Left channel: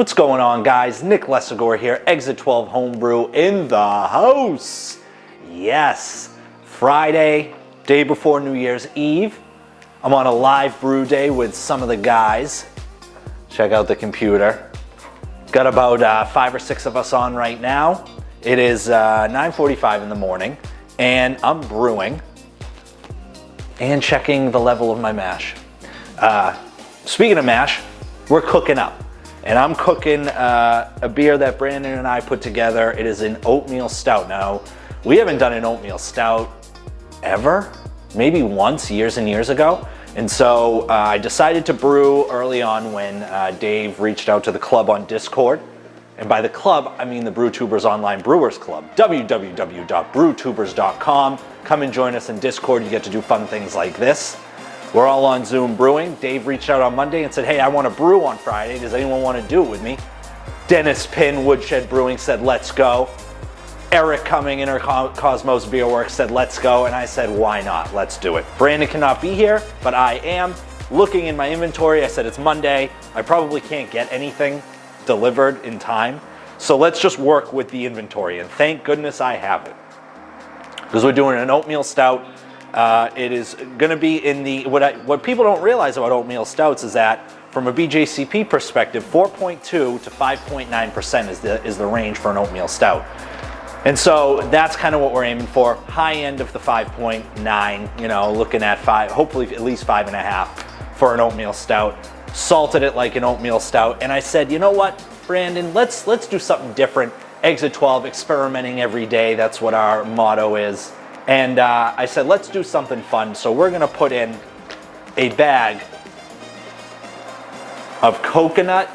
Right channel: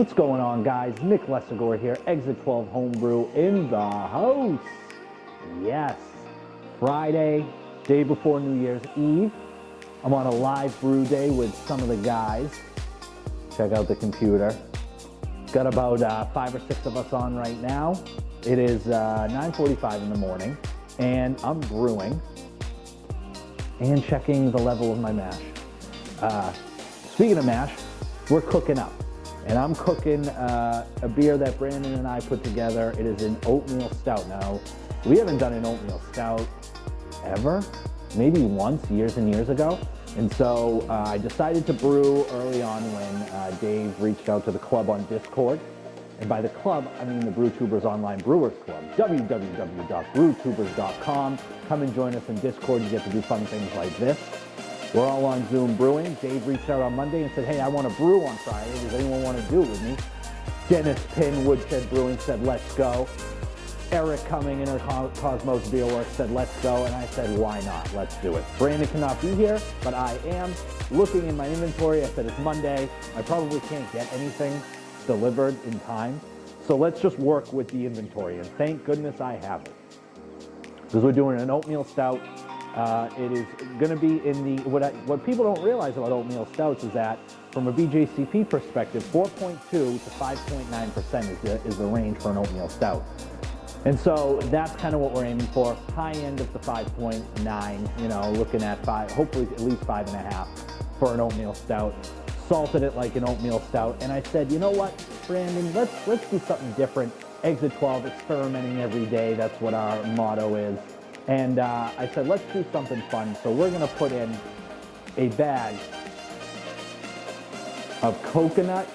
What's going on, guys? Nick Lessigore here, Exit 12 Homebrew in the house. Yes, Friday, day before New Year's Eve. I'm on a live brew day with some of the guys. Check out the computer. Got about 5 or 6 of us on right now. It is 9:45 in the morning, and I'm brewing and checking the level of my mash. Speaking of mash, we're cooking up. And I'm cooking a beer that Brandon and I put together. It is an oatmeal stout. Now, we haven't done an oatmeal stout ever, maybe once, years and years ago. And so I decided to brew early on when Dave reached out to the club on Discord. And by the club, I mean the BrewTubers Online Brewers Club, www.brewtubers.com. Come and join us in Discord. You get to do fun things like this. We're all on Zoom brewing. Dave reached out on Monday and said, hey, I want to brew on Friday. Does anyone want to do it with me? Dennis Pinn, Woodshed Brewing, said, let's go. Eric Cumming, Inner Cosmos Beer Works, said, let's go. And I said, why not? Let's do it. Brandon cannot be here, but I am. Looking in my inventory, I said, it's Monday. I probably can't get anything delivered in time. So let's just work with the inventory. And thank goodness I have it. Because we're doing an oatmeal stout. It is going to be in the, what people don't realize about oatmeal stouts is that from a BJCP perspective, 4.2 to 5.9% is the range for an oatmeal stout. And so that's kind of what we're aiming for. High end of the 5.9, you know, looking at 5, hopefully at least 5.5 for an oatmeal stout. Salted it like an oatmeal stout. And I said, you know what, Brandon, let's do something different. Exit 12, experimenting every day. That's what our motto is. And I said, let's do something fun. So we're gonna put in a bag of coconut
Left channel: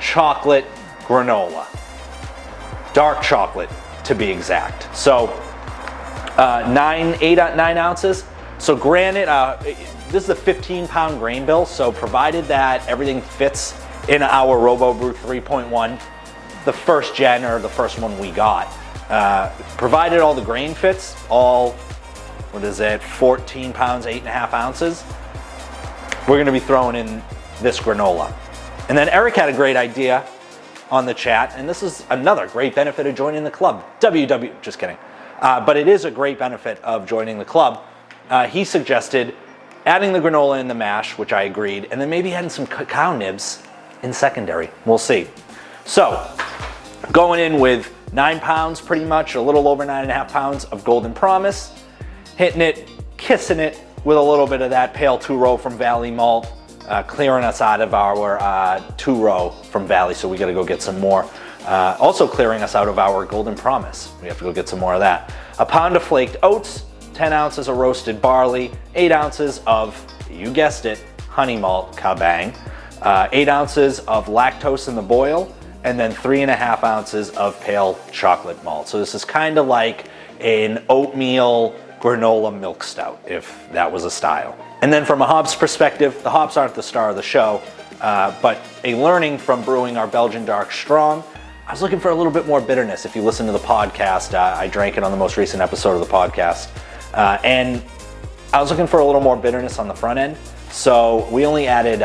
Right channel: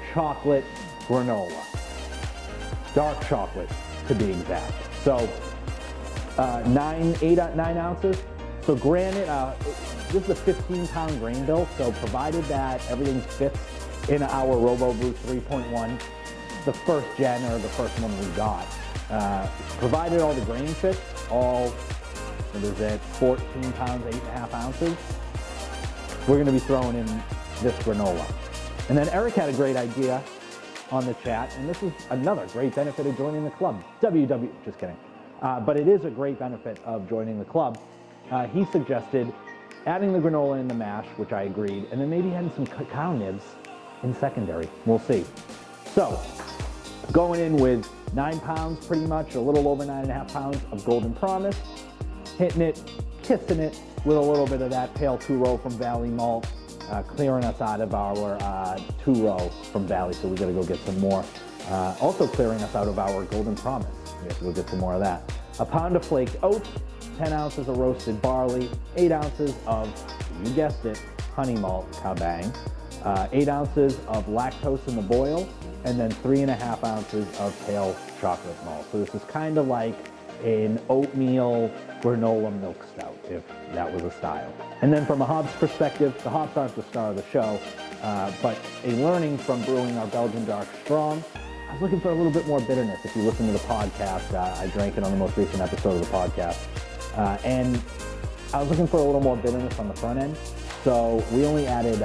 chocolate granola. Dark chocolate, to be exact. So 9 ounces. So granted, this is a 15-pound grain bill. So provided that everything fits in our Robobrew 3.1, the first gen or the first one we got, provided all the grain fits, all, 14 pounds, 8.5 ounces, we're gonna be throwing in this granola. And then Eric had a great idea on the chat, and this is another great benefit of joining the club. Just kidding. But it is a great benefit of joining the club. He suggested adding the granola in the mash, which I agreed, and then maybe adding some cacao nibs in secondary. We'll see. So, going in with 9 pounds, pretty much, a little over 9.5 pounds of Golden Promise, hitting it, kissing it with a little bit of that Pale 2-Row from Valley Malt, clearing us out of our 2-Row from Valley, so we gotta go get some more. Also clearing us out of our Golden Promise. We have to go get some more of that. A pound of flaked oats, 10 ounces of roasted barley, 8 ounces of, you guessed it, honey malt, kabang, 8 ounces of lactose in the boil, and then 3.5 ounces of pale chocolate malt. So this is kind of like an oatmeal granola milk stout, if that was a style. And then from a hops perspective, the hops aren't the star of the show, but a learning from brewing our Belgian Dark Strong, I was looking for a little bit more bitterness. If you listen to the podcast, I drank it on the most recent episode of the podcast, and I was looking for a little more bitterness on the front end. So we only added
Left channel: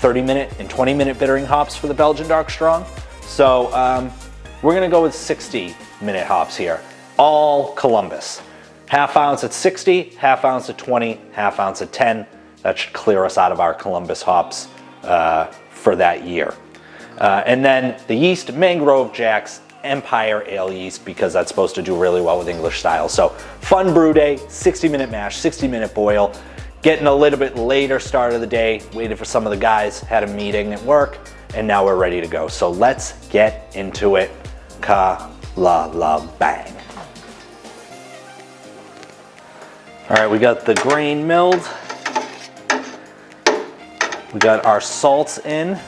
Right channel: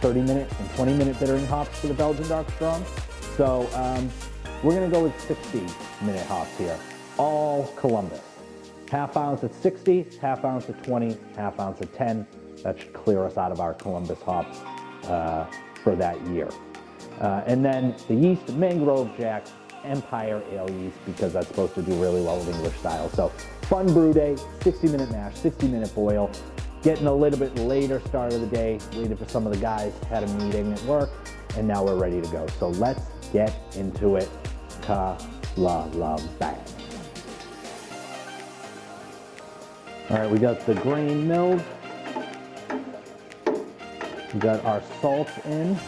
30-minute and 20-minute bittering hops for the Belgian Dark Strong. So we're gonna go with 60-minute hops here, all Columbus. Half ounce at 60, half ounce at 20, half ounce at 10. That should clear us out of our Columbus hops for that year. And then the yeast, Mangrove Jack's Empire Ale yeast, because that's supposed to do really well with English style. So fun brew day, 60-minute mash, 60-minute boil. Getting a little bit later start of the day, waited for some of the guys, had a meeting at work, and now we're ready to go. So let's get into it. Ka-la-la-bang. All right, we got the grain milled. We got our salts in.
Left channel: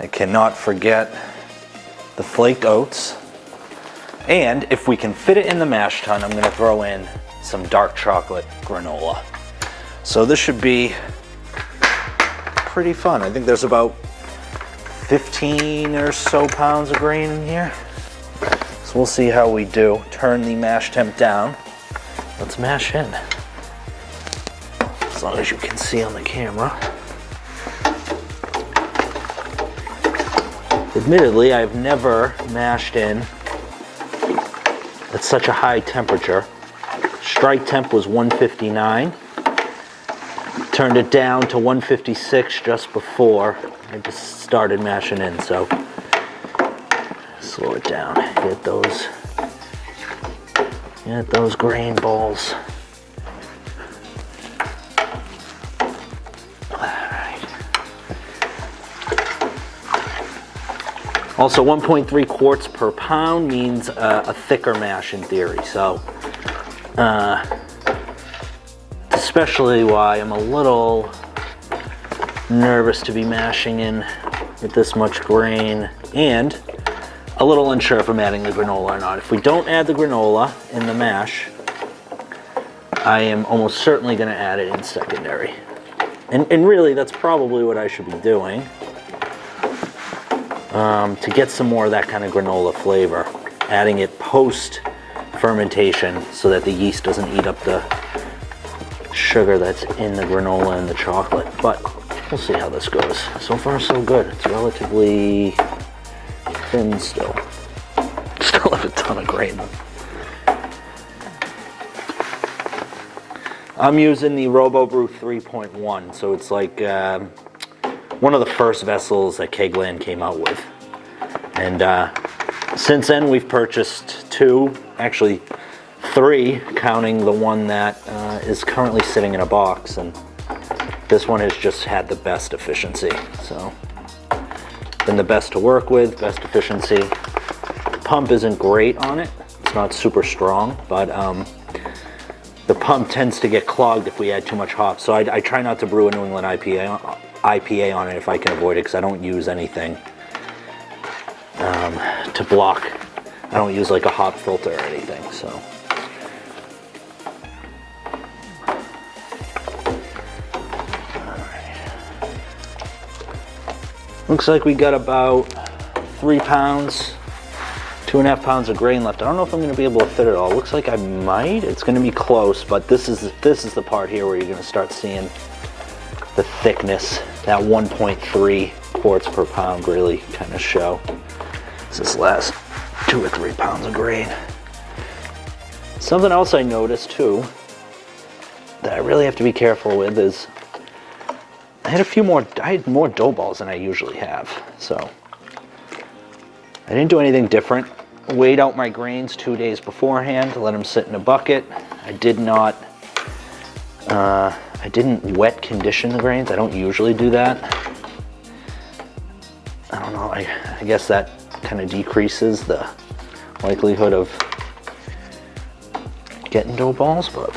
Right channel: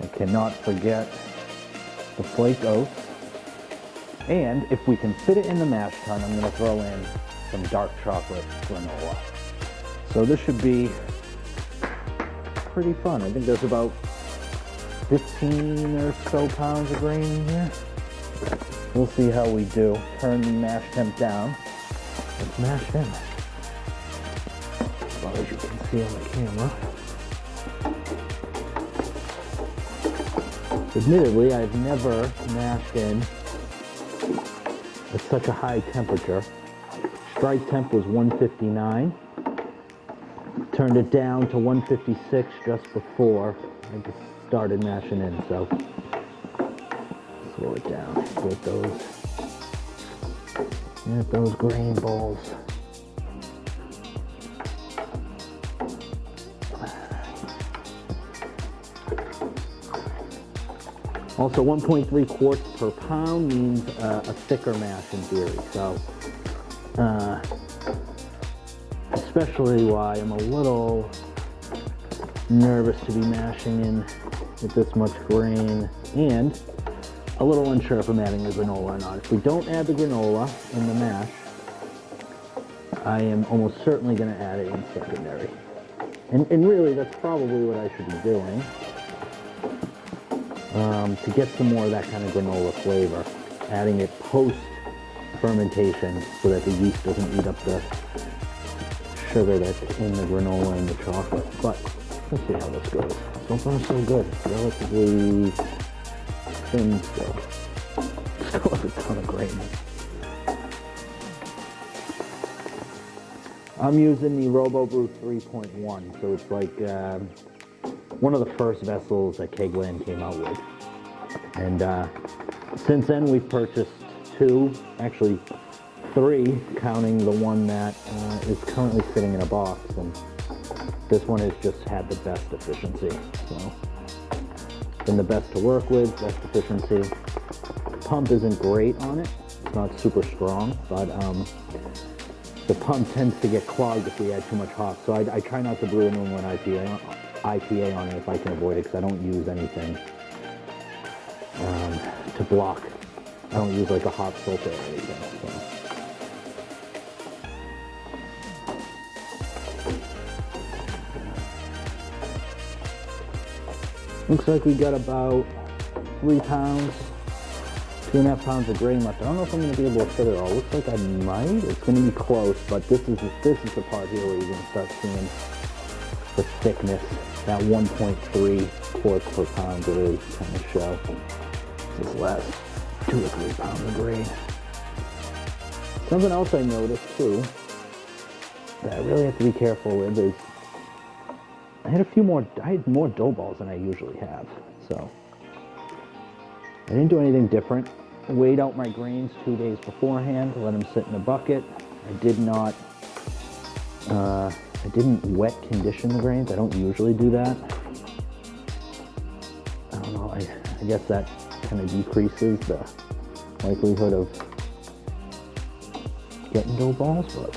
I cannot forget the flaked oats. And if we can fit it in the mash tun, I'm gonna throw in some dark chocolate granola. So this should be pretty fun. I think there's about 15 or so pounds of grain in here. So we'll see how we do. Turn the mash temp down. Let's mash in. As long as you can see on the camera. Admittedly, I've never mashed in at such a high temperature. Strike temp was 159. Turned it down to 156 just before I just started mashing in, so slow it down. Get those grain balls. Also, 1.3 quarts per pound means a thicker mash in theory, so especially why I'm a little nervous to be mashing in with this much grain, and a little unsure if I'm adding the granola or not. If we don't add the granola in the mash, I am almost certainly going to add it in secondary. And really, that's probably what I should be doing. To get some more of that kind of granola flavor, adding it post fermentation so that the yeast doesn't eat up the sugar that's in the granola and the chocolate. But we'll see how this goes. So far so good. It's relatively thin still. Still have a ton of grain. I'm using the Robobrew 3.1, so it's like one of the first vessels that Kegland came out with. And since then we've purchased 2, actually 3, counting the one that is currently sitting in a box, and this one has just had the best efficiency. So, been the best to work with, best efficiency. The pump isn't great on it, it's not super strong, but the pump tends to get clogged if we add too much hops. So I try not to brew a New England IPA on it if I can avoid it, because I don't use anything to block. I don't use like a hop filter or anything, so. Looks like we got about 3 pounds, 2.5 pounds of grain left. I don't know if I'm going to be able to fit it all. Looks like I might. It's going to be close, but this is the part here where you're going to start seeing the thickness, that 1.3 quarts per pound really kind of show. This last 2 or 3 pounds of grain. Something else I noticed too that I really have to be careful with is I had more dough balls than I usually have. So I didn't do anything different. Weighed out my grains 2 days beforehand, let them sit in a bucket. I didn't wet condition the grains. I don't usually do that. I don't know, I guess that kind of decreases the likelihood of getting dough balls, but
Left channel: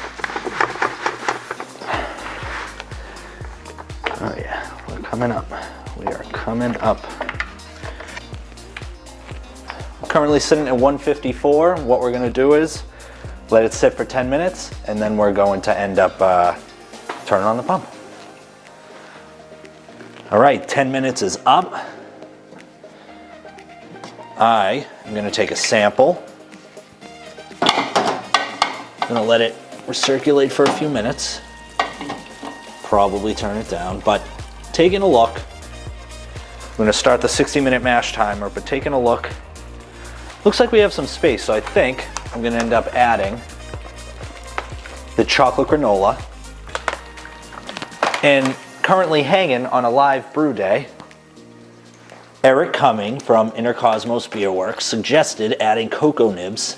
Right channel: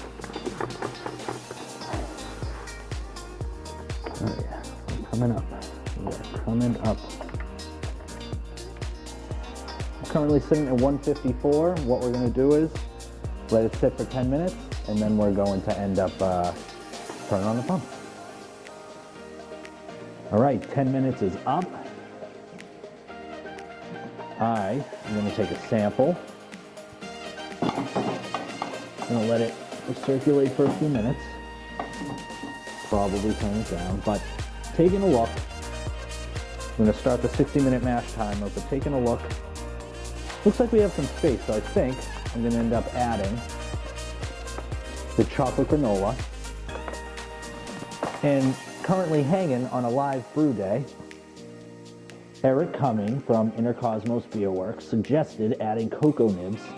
oh yeah, we're coming up. We are coming up. I'm currently sitting at 154. What we're gonna do is let it sit for 10 minutes, and then we're going to end up turning on the pump. All right, 10 minutes is up. I am gonna take a sample. I'm gonna let it recirculate for a few minutes. Probably turn it down, but taking a look. I'm gonna start the 60-minute mash timer, but taking a look. Looks like we have some space, so I think I'm gonna end up adding the chocolate granola. And currently hanging on a live brew day, Eric Cumming from Inner Cosmos Beer Works suggested adding cacao nibs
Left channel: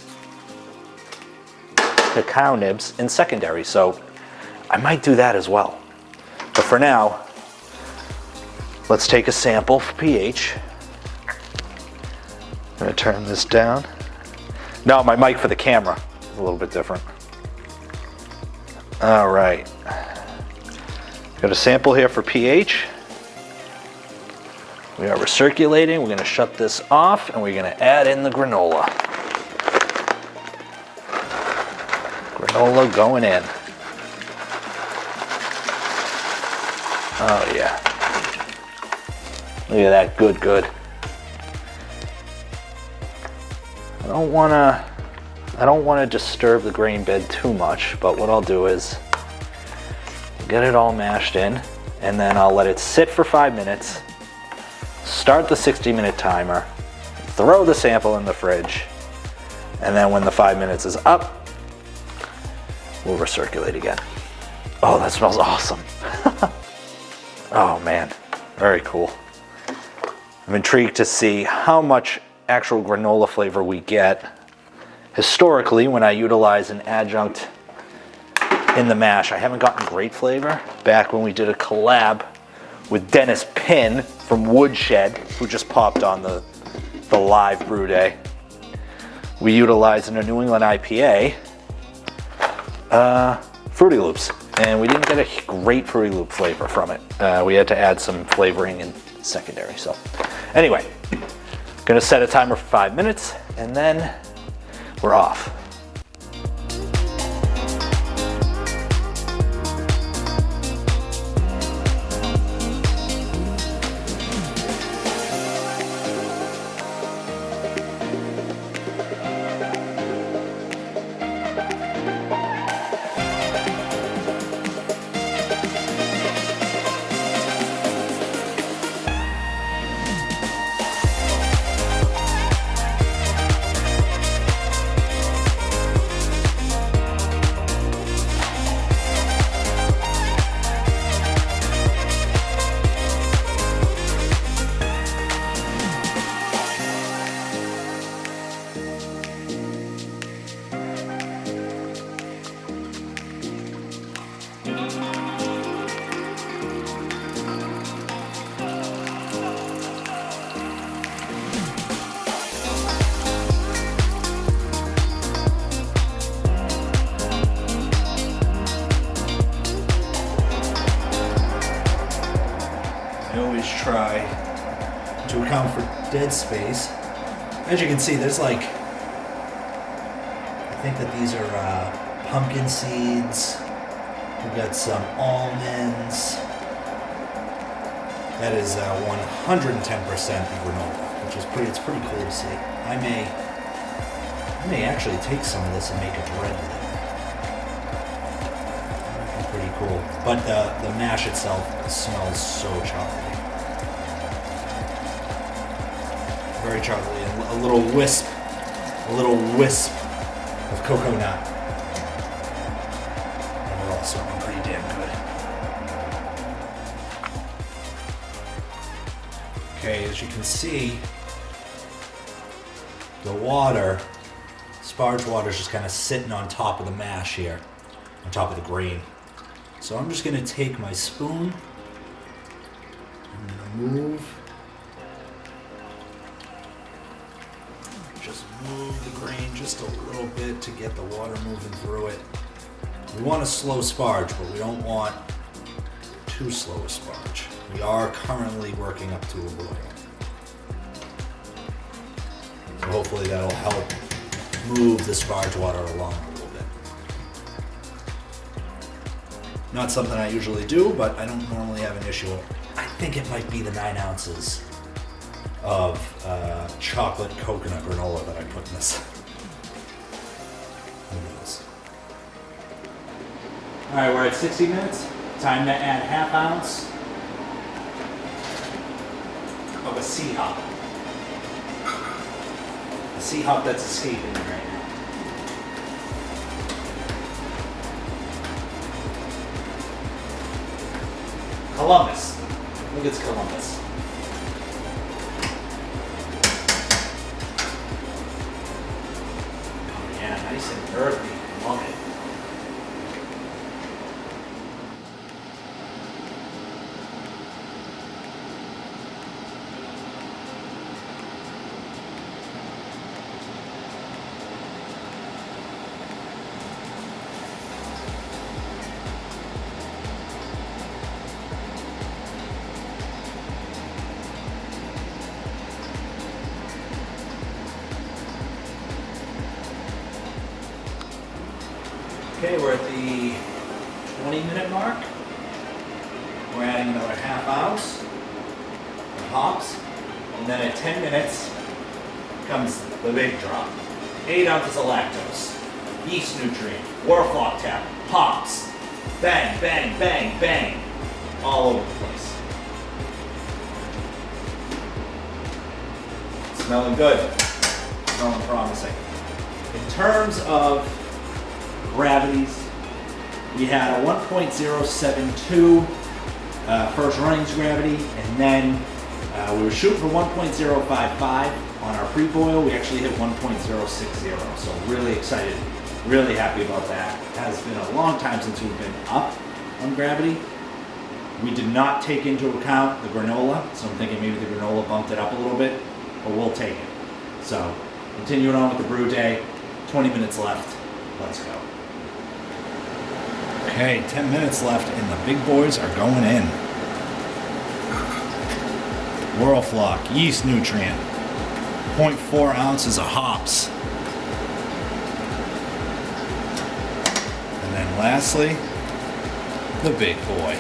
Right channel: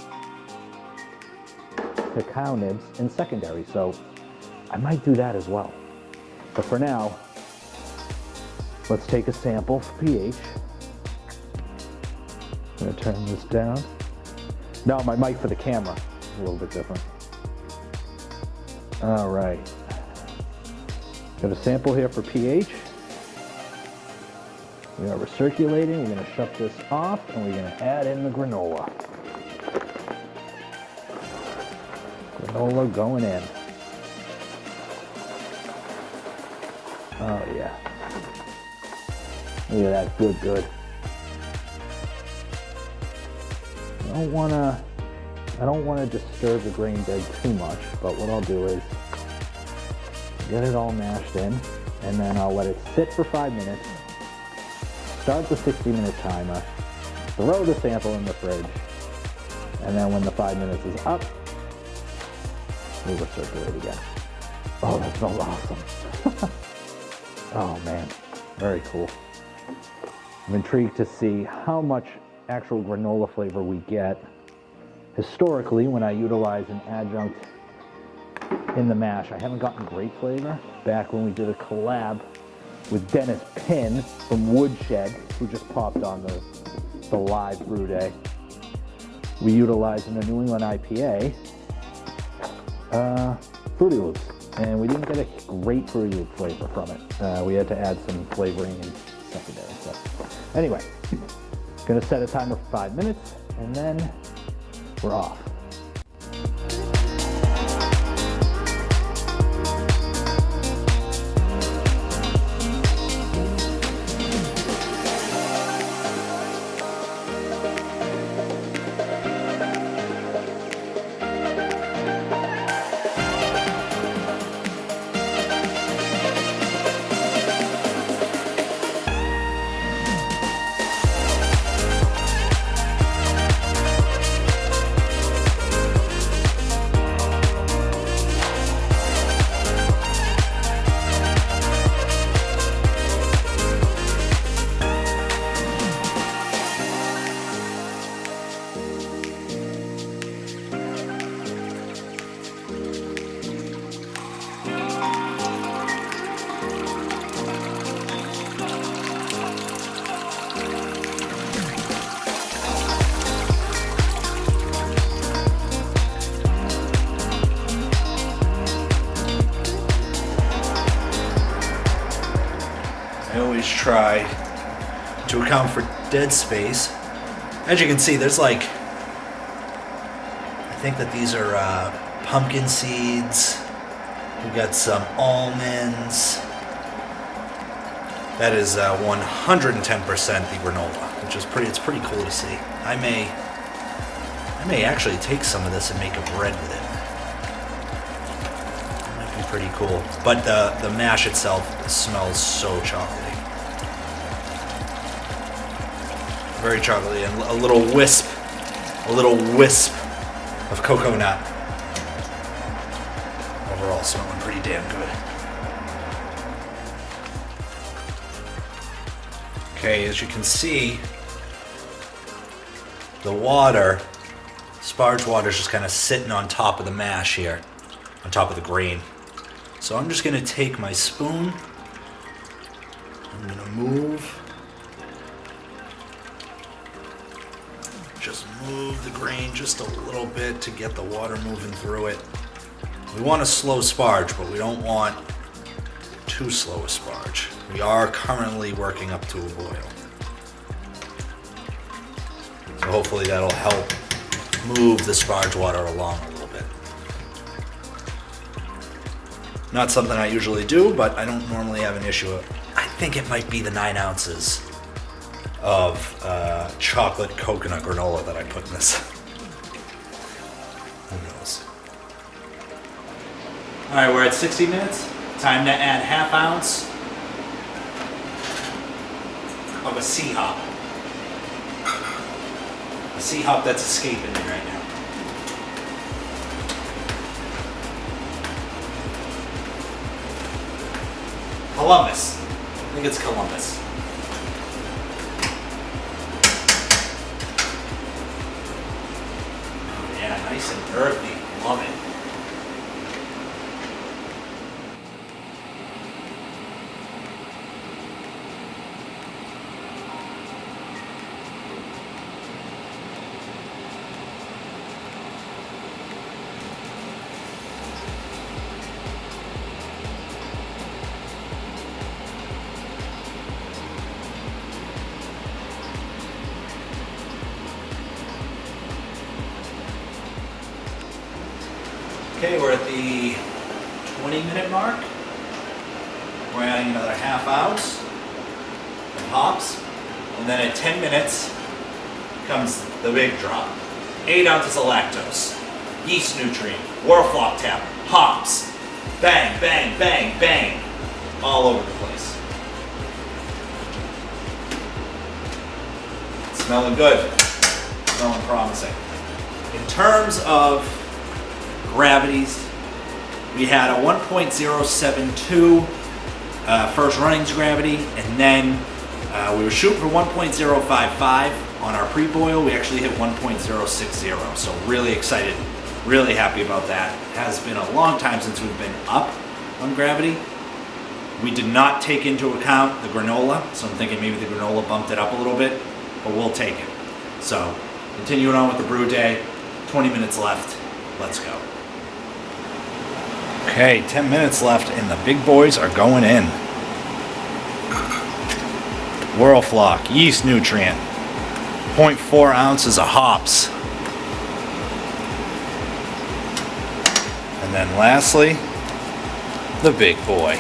in secondary, so I might do that as well. But for now, let's take a sample for pH. I'm gonna turn this down. No, my mic for the camera is a little bit different. All right. Got a sample here for pH. We are recirculating. We're gonna shut this off and we're gonna add in the granola. Granola going in. Oh yeah. Look at that, good. I don't wanna disturb the grain bed too much, but what I'll do is get it all mashed in, and then I'll let it sit for 5 minutes, start the 60-minute timer, throw the sample in the fridge, and then when the 5 minutes is up, we'll recirculate again. Oh, that smells awesome. Oh man, very cool. I'm intrigued to see how much actual granola flavor we get. Historically, when I utilize an adjunct in the mash, I haven't gotten great flavor. Back when we did a collab with Dennis Pinn from Woodshed, who just popped on the live brew day, we utilized in a New England IPA Fruity Loops, and we didn't get a great Fruity Loop flavor from it. We had to add some flavoring in secondary. So anyway, gonna set a timer for 5 minutes, and then we're off. Try to account for dead space. As you can see, there's like, I think that these are pumpkin seeds. We've got some almonds. That is 110% the granola, which is it's pretty cool to see. I may actually take some of this and make a bread with it. That'd be pretty cool. But the mash itself smells so chocolatey. Very chocolatey, and a little wisp of cocoa nut. Overall, smelling pretty damn good. Okay, as you can see, the water, sparge water, is just kind of sitting on top of the mash here, on top of the grain. So I'm just going to take my spoon. I'm going to move the grain just a little bit to get the water moving through it. We want a slow sparge, but we don't want too slow a sparge. We are currently working up to a boil. So hopefully that'll help move the sparge water along a little bit. Not something I usually do, but I don't normally have an issue with. I think it might be the 9 ounces of chocolate coconut granola that I put in this. Who knows? All right, we're at 60 minutes. Time to add ½ ounce of a sea hop. A sea hop that's escaping me right now. Columbus. I think it's Columbus. Nice and earthy. Love it. Okay, we're at the 20-minute mark. We're adding another ½ ounce of hops. And then at 10 minutes comes the big drop. 8 ounces of lactose, yeast nutrient, Warflock tap, hops. Bang, bang, bang, bang. All over the place. smelling good. Smelling promising. In terms of gravities, we had a 1.072 first runnings gravity, and then we were shooting for 1.055 on our pre-boil. We actually hit 1.060, so really excited, really happy about that. It has been a long time since we've been up on gravity. We did not take into account the granola, so I'm thinking maybe the granola bumped it up a little bit, but we'll take it. So, continuing on with the brew day, 20 minutes left, let's go. Okay, 10 minutes left and the big boys are going in. Whirlflock, yeast nutrient, 0.4 ounces of hops. And then lastly, the big boy.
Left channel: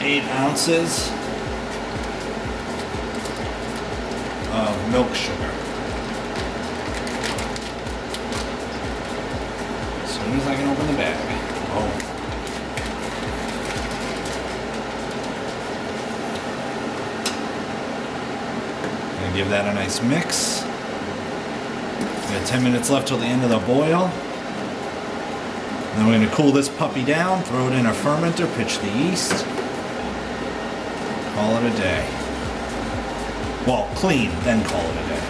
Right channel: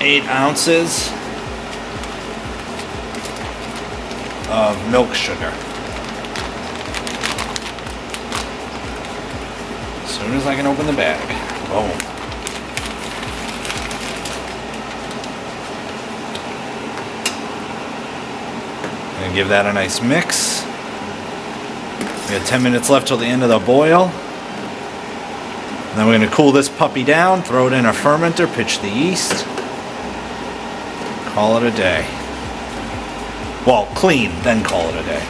8 ounces of milk sugar. As soon as I can open the bag. Oh. Gonna give that a nice mix. We have 10 minutes left till the end of the boil. And then we're gonna cool this puppy down, throw it in our fermenter, pitch the yeast. Call it a day. Well, clean, then call it a day.